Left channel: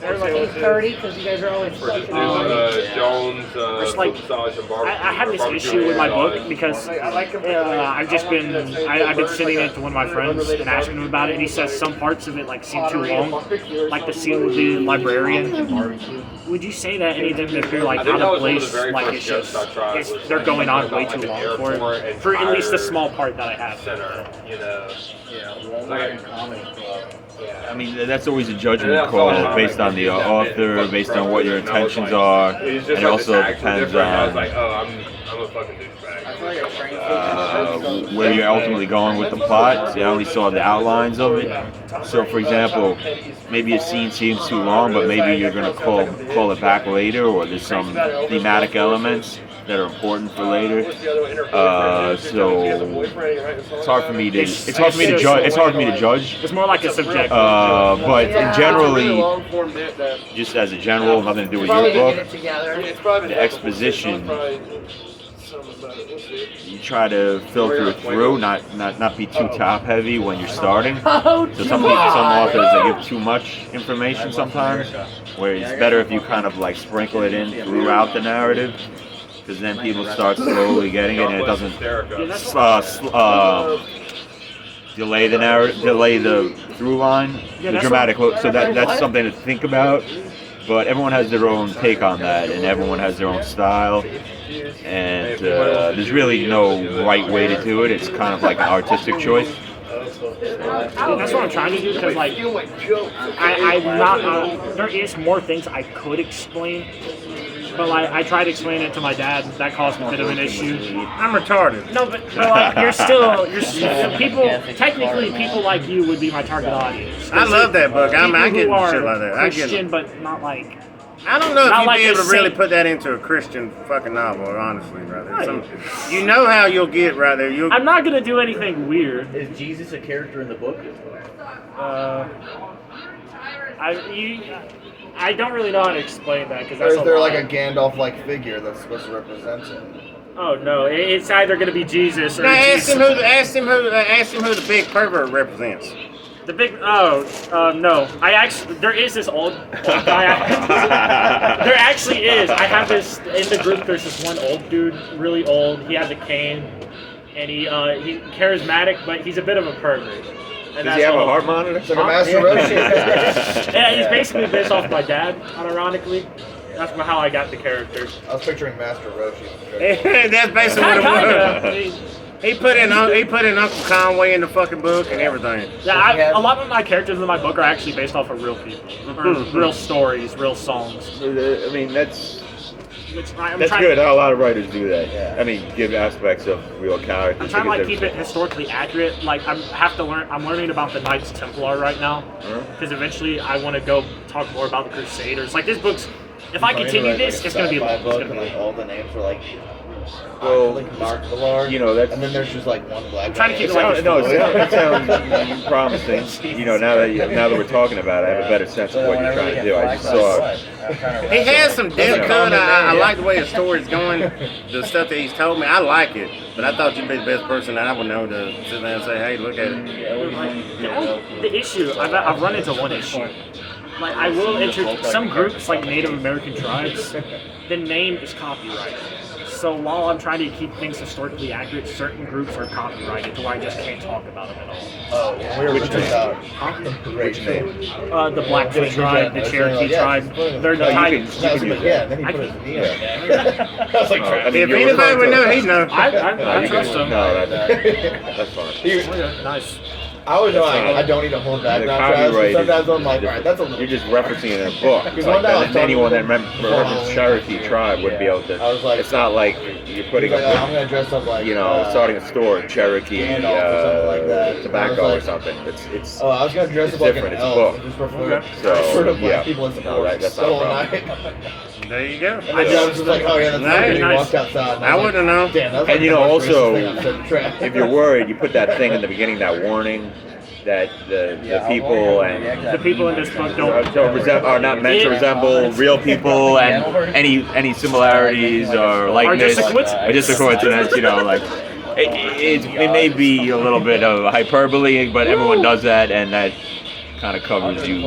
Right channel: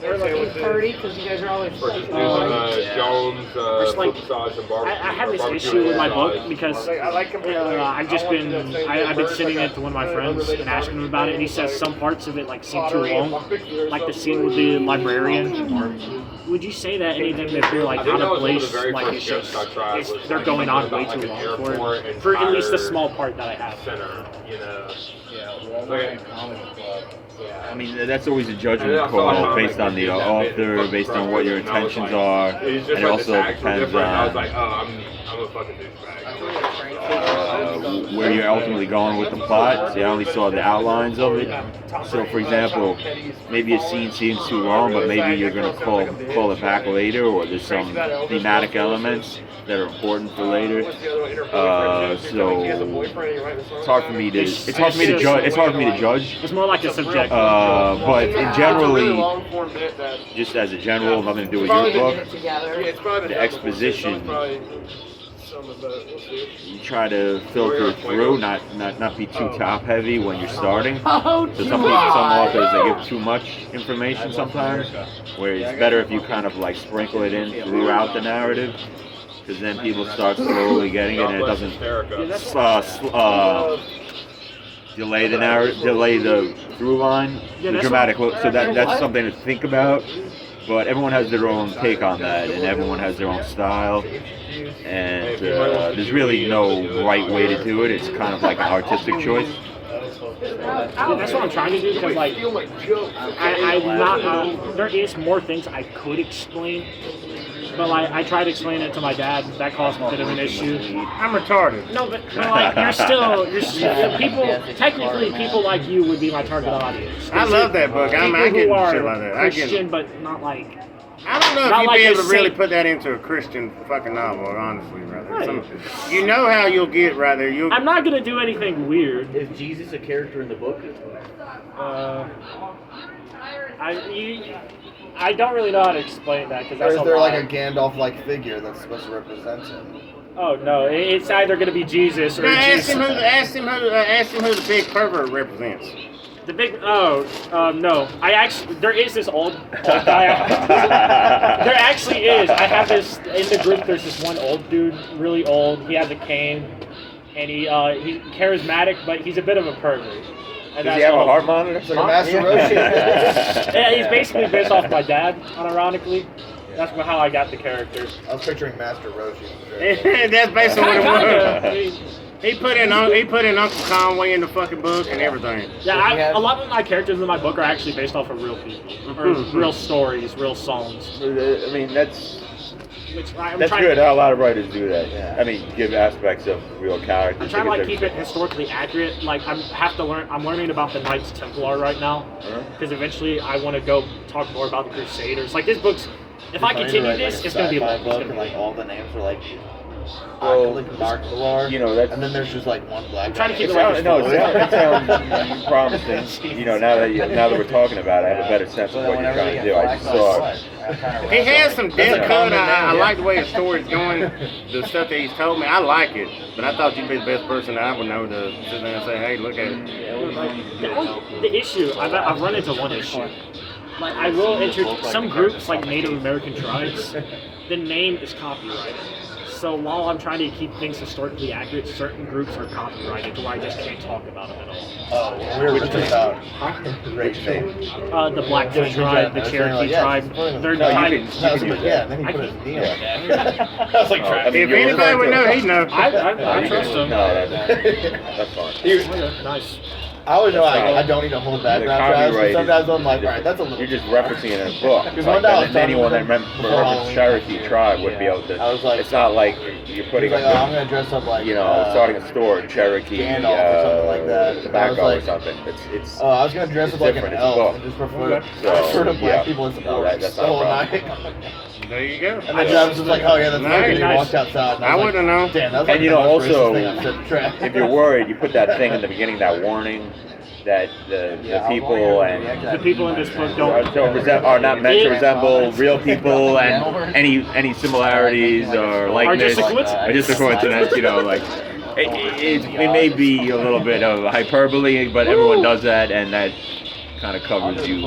They're like 8:30 because you guys are always fucking Jones, just like I have this issue with my book because I've been sending it to one of my friends and asking him about it, and he says some parts of it like seem too long, like the scene with the librarian. Would you say that any of them, if they're like out of place, like they're going on way too long for it, for at least the small part that I have? I mean, that's always a judgment call based on the author, based on what your intentions are, and it also depends on where you're ultimately going with the plot. I only saw the outlines of it. So, for example, maybe a scene seems too long, but maybe you're going to call it back later, or there's some thematic elements that are important for later. So it's hard for me to judge. It's more like a subjective. But generally, just as a general, nothing to do with your book, the exposition, you try to filter it through, not be too top heavy when you're starting. So some authors, they give too much information sometimes, where it's better if you kind of like sprinkle it in throughout the narrative, because then people start slowly getting it, and it doesn't delay the through line, the dramatic. So that's something to think about. But everyone has their own take on that, and everyone has their own style. And there's really no right way to do it. It's kind of like an artistic choice. Yeah, that's what I'm trying to do, because like I'm not. There is more things I could explain, but like I tried to explain it to my dad. That caused a bit of an issue. I'm retarded. No, but like you're still people. Technically, people like you would be my target audience. I love that book. I get shit like that. Christian, but not like. I don't know if you'd like be able to really put that into a Christian fucking novel, honestly, brother. Right. You know how you'll get right there. I'm not gonna do anything weird. Is Jesus a character in the book? I don't really know how to explain that, because that's. Or is there like a Gandalf-like figure that's supposed to represent him? Oh no, it's either gonna be Jesus or ask him who the big pervert represents. The big no. There is this old guy. There actually is. I have this in the group. There's this one old dude, really old. He has a cane, and he's charismatic, but he's a bit of a pervert. And Does he have a heart monitor? It's like a Master Roshi. Yeah, he's basically based off my dad, unironically. That's how I got the character. I was picturing Master Roshi. That's basically what it was. He put in Uncle Conway in the fucking book and everything. Yeah, a lot of my characters in my book are actually based off of real people, or real stories, real songs. I mean, that's good. A lot of writers do that. Yeah. I mean, give aspects of real characters. I'm trying to like keep it historically accurate. Like I'm learning about the Knights Templar right now, because eventually I want to go talk more about the Crusaders. Like this book's, if I continue this, it's gonna be long. It's gonna be like all the names are like. Well, you know, and then there's just like one black. I'm trying to keep it like this. No, it sounds promising. You know, now that we're talking about it, I have a better sense of what you're trying to do. I just saw. He has some depth cut. I like the way his story's going. The stuff that he's told me, I like it. But I thought you'd be the best person that I would know to sit there and say, "Hey, look at it." The issue I've run into one issue. Like I will enter some groups, like Native American tribes. The name is copyrighted. So while I'm trying to keep things historically accurate, certain groups are copyrighted to where I just can't talk about them at all. Oh, which name? Which name? The Blackfoot tribe, the Cherokee tribe. They're tied. Yeah, then he put it in I was like, if anybody would know, he'd know. I trust him. No, that's fine. Nice. I always know I don't need to hold back now. Sometimes I'm like, all right, that's a little. You're just referencing it in a book. It's like anyone that remembers Cherokee tribe would be able to. I was like, it's not like you're putting. Like, I'm gonna dress up like starting a store in Cherokee, or something like that. Tobacco or something. It's. Oh, I was gonna dress up like an elf. I just prefer to black people in support. That's not a problem. There you go. And I was just like, oh yeah, that's nice. Nice. Walked outside. I wouldn't know. Damn, and also, if you're worried, you put that thing in the beginning, that warning that the people and the people in this book are not meant to resemble real people, and any similarities or likeness are just a coincidence. You know, like it may be a little bit of hyperbole, but everyone does that, and that kind of covers you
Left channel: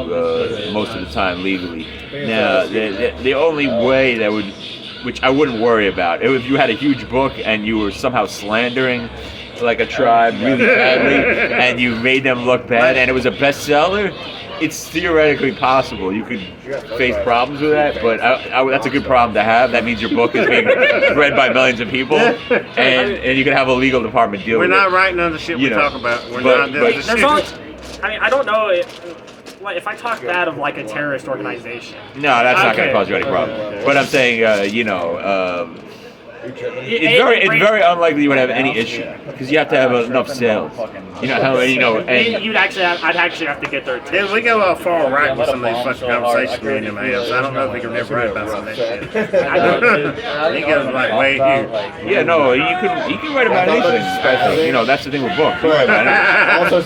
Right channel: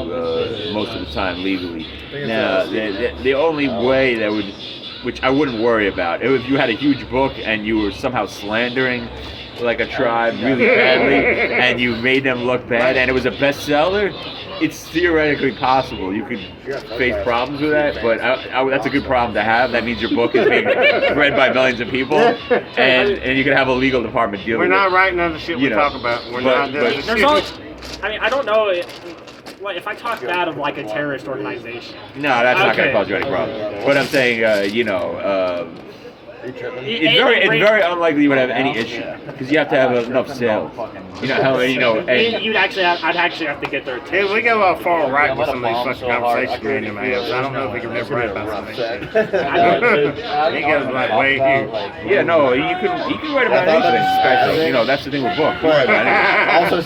most of the time legally. Now, the only way that would, which I wouldn't worry about, if you had a huge book and you were somehow slandering like a tribe really badly, and you made them look bad, and it was a bestseller, it's theoretically possible. You could face problems with that, but that's a good problem to have. That means your book is being read by millions of people, and you can have a legal department deal with it. We're not writing on the shit we talk about. We're not doing the shit. I mean, I don't know if I talk bad of like a terrorist organization. No, that's not going to cause you any problem. But I'm saying, you know, it's very unlikely you would have any issue because you have to have enough sales. You know how I'd actually have to get there too. Yeah, we go far right with some of these fucking conversations we in them ass. I don't know if we can never write about some of that shit. He goes like way here. Yeah, no, you can write about anything. You know, that's the thing with books.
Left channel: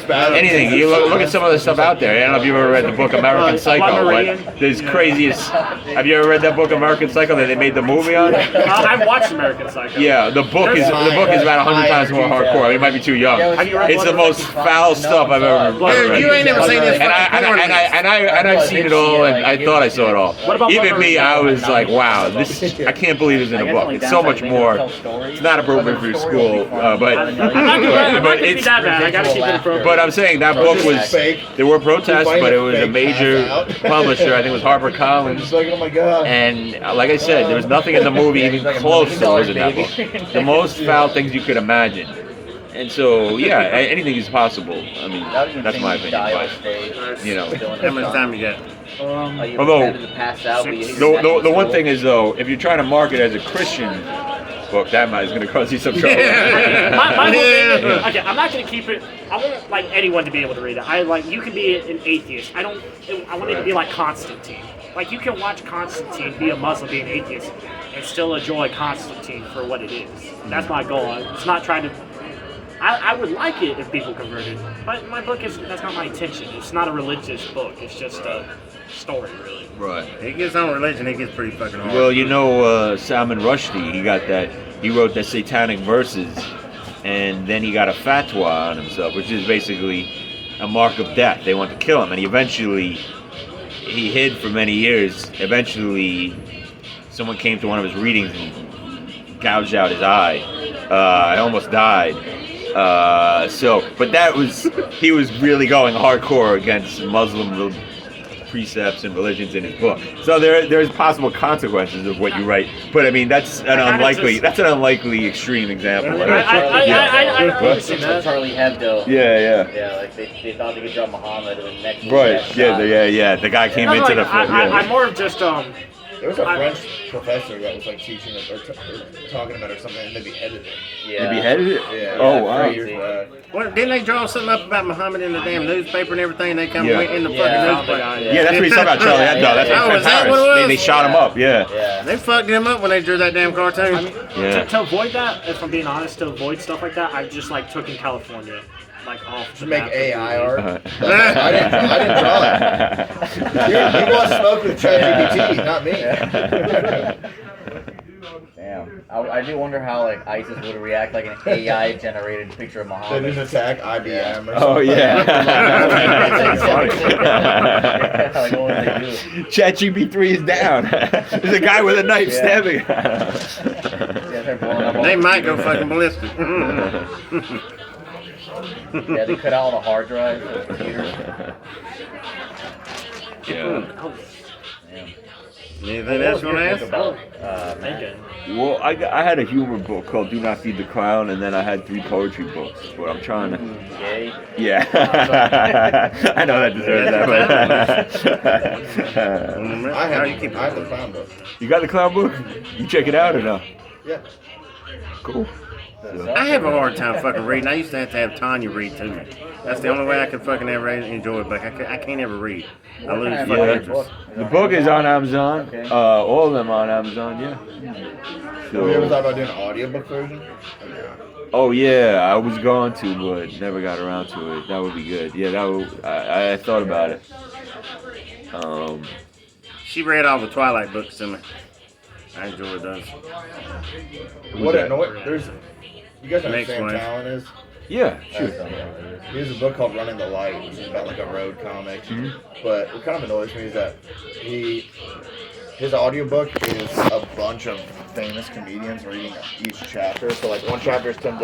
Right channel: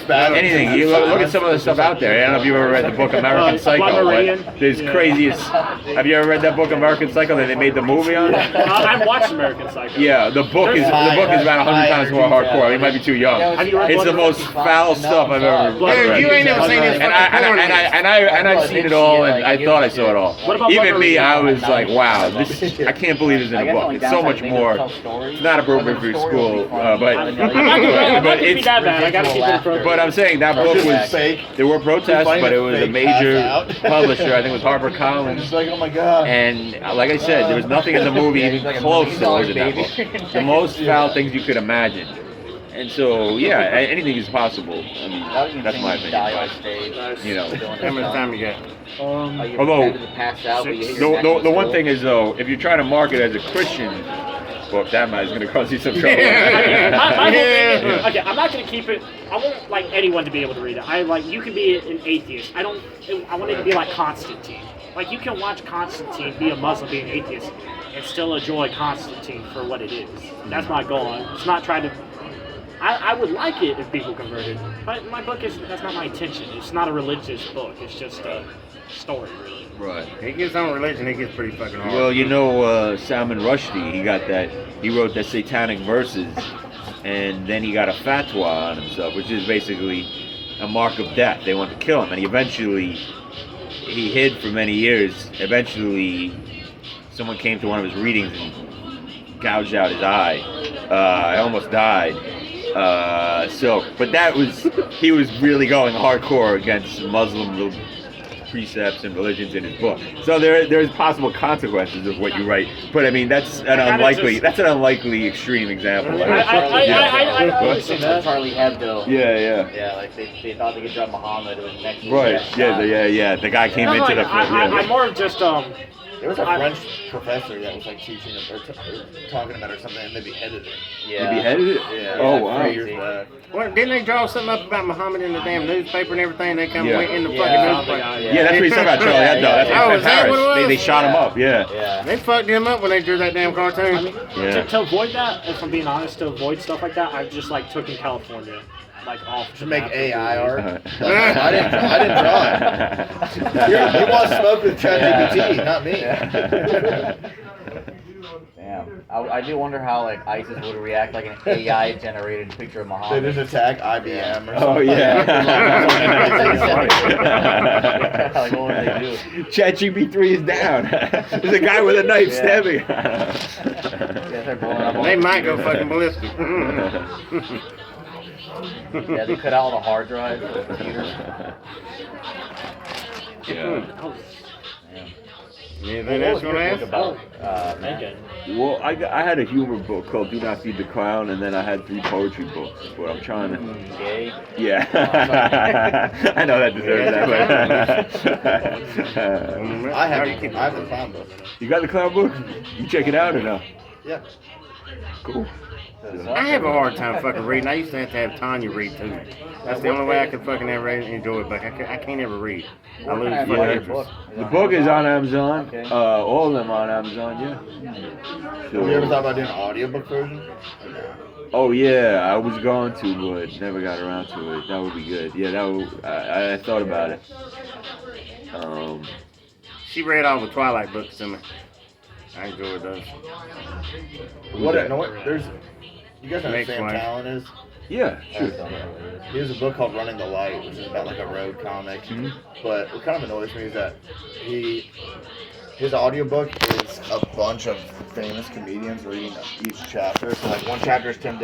Anything. You look at some of the stuff out there. I don't know if you've ever read the book American Psycho. But there's craziest. Have you ever read that book American Psycho that they made the movie on? I've watched American Psycho. Yeah, the book is about 100 times more hardcore. I mean, it might be too young. Have you read It's the most foul stuff I've ever read. You ain't never seen this fucking porn. And I've seen it all, and I thought I saw it all. Even me, I was like, wow, I can't believe this in a book. It's so much more. It's not appropriate for your school, but I'm not gonna be that bad. I gotta keep it appropriate. But I'm saying that book was. There were protests, but it was a major publisher. I think it was HarperCollins. Like, oh my god. And like I said, there was nothing in the movie even close to what was in that book. The most foul things you could imagine. And so, yeah, anything is possible. I mean, that's my opinion. But, you know. How much time you got? Although, the one thing is, though, if you're trying to market as a Christian book, that is going to cause you some trouble. My whole thing is, okay, I'm not going to keep it. I want like anyone to be able to read it. You can be an atheist. I want it to be like Constantine. Like, you can watch Constantine, be a Muslim, be an atheist, and still enjoy Constantine for what it is. That's my goal. It's not trying to. I would like it if people converted, but my book that's not my intention. It's not a religious book. It's just a story, really. Right. He gets on religion, he gets pretty fucking hard. Well, you know, Salman Rushdie, he wrote the Satanic Verses, and then he got a fatwa on himself, which is basically a mark of death. They want to kill him, and he hid for many years. Eventually, someone came to one of his readings and gouged out his eye. I almost died. But he was really going hardcore against Muslim precepts and religions in his book. So there's possible consequences of what you write. But I mean, that's an unlikely extreme example. I see that. Charlie Hebdo. Yeah. Yeah, like they thought they could drop Muhammad or the next. Right. Yeah. The guy came into the. I'm more of just There was a French professor that was like teaching it or talking about it or something, and they beheaded him. Yeah. They beheaded it? Yeah. Oh, wow. What, didn't they draw something up about Muhammad in the damn newspaper and everything? They come in the fucking newspaper. Yeah, that's what he said about Charlie Hebdo. That's is that what it was? They shot him up, yeah. They fucked him up when they drew that damn cartoon. I mean, to avoid that, if I'm being honest, to avoid stuff like that, I just took in California. Like off to make AI art. I didn't draw it. He wants to smoke with ChatGPT, not me. Damn. I do wonder how ISIS would react like an AI generated picture of Muhammad. They just attack IBM or something. Oh yeah. Like, what would they do? ChatGPT 3 is down. There's a guy with a knife stabbing. They might go fucking ballistic. Yeah, they cut out all the hard drives of the computers. Yeah. Anything else you want to ask? Well, I had a humor book called Do Not Feed the Clown, and then I had 3 poetry books. But I'm trying to. Gay? Yeah. I know that deserves that. I have the clown book. You got the clown book? You check it out or no? Yeah. Cool. I have a hard time fucking reading. I used to have Tanya read to me. That's the only way I could fucking ever enjoy it, but I can't ever read. I lose fucking interest. The book is on Amazon. All of them on Amazon, yeah. So, have you ever thought about doing an audiobook version? Oh yeah, I was going to, but never got around to it. That would be good. Yeah, I thought about it. She read all the Twilight books to me. I enjoyed those. There's. You guys know who Sam Talon is? Yeah, sure. He has a book called Running the Light, which is about like a road comic. But what kind of annoys me is that his audiobook is a bunch of famous comedians reading each chapter. So like one chapter is Tim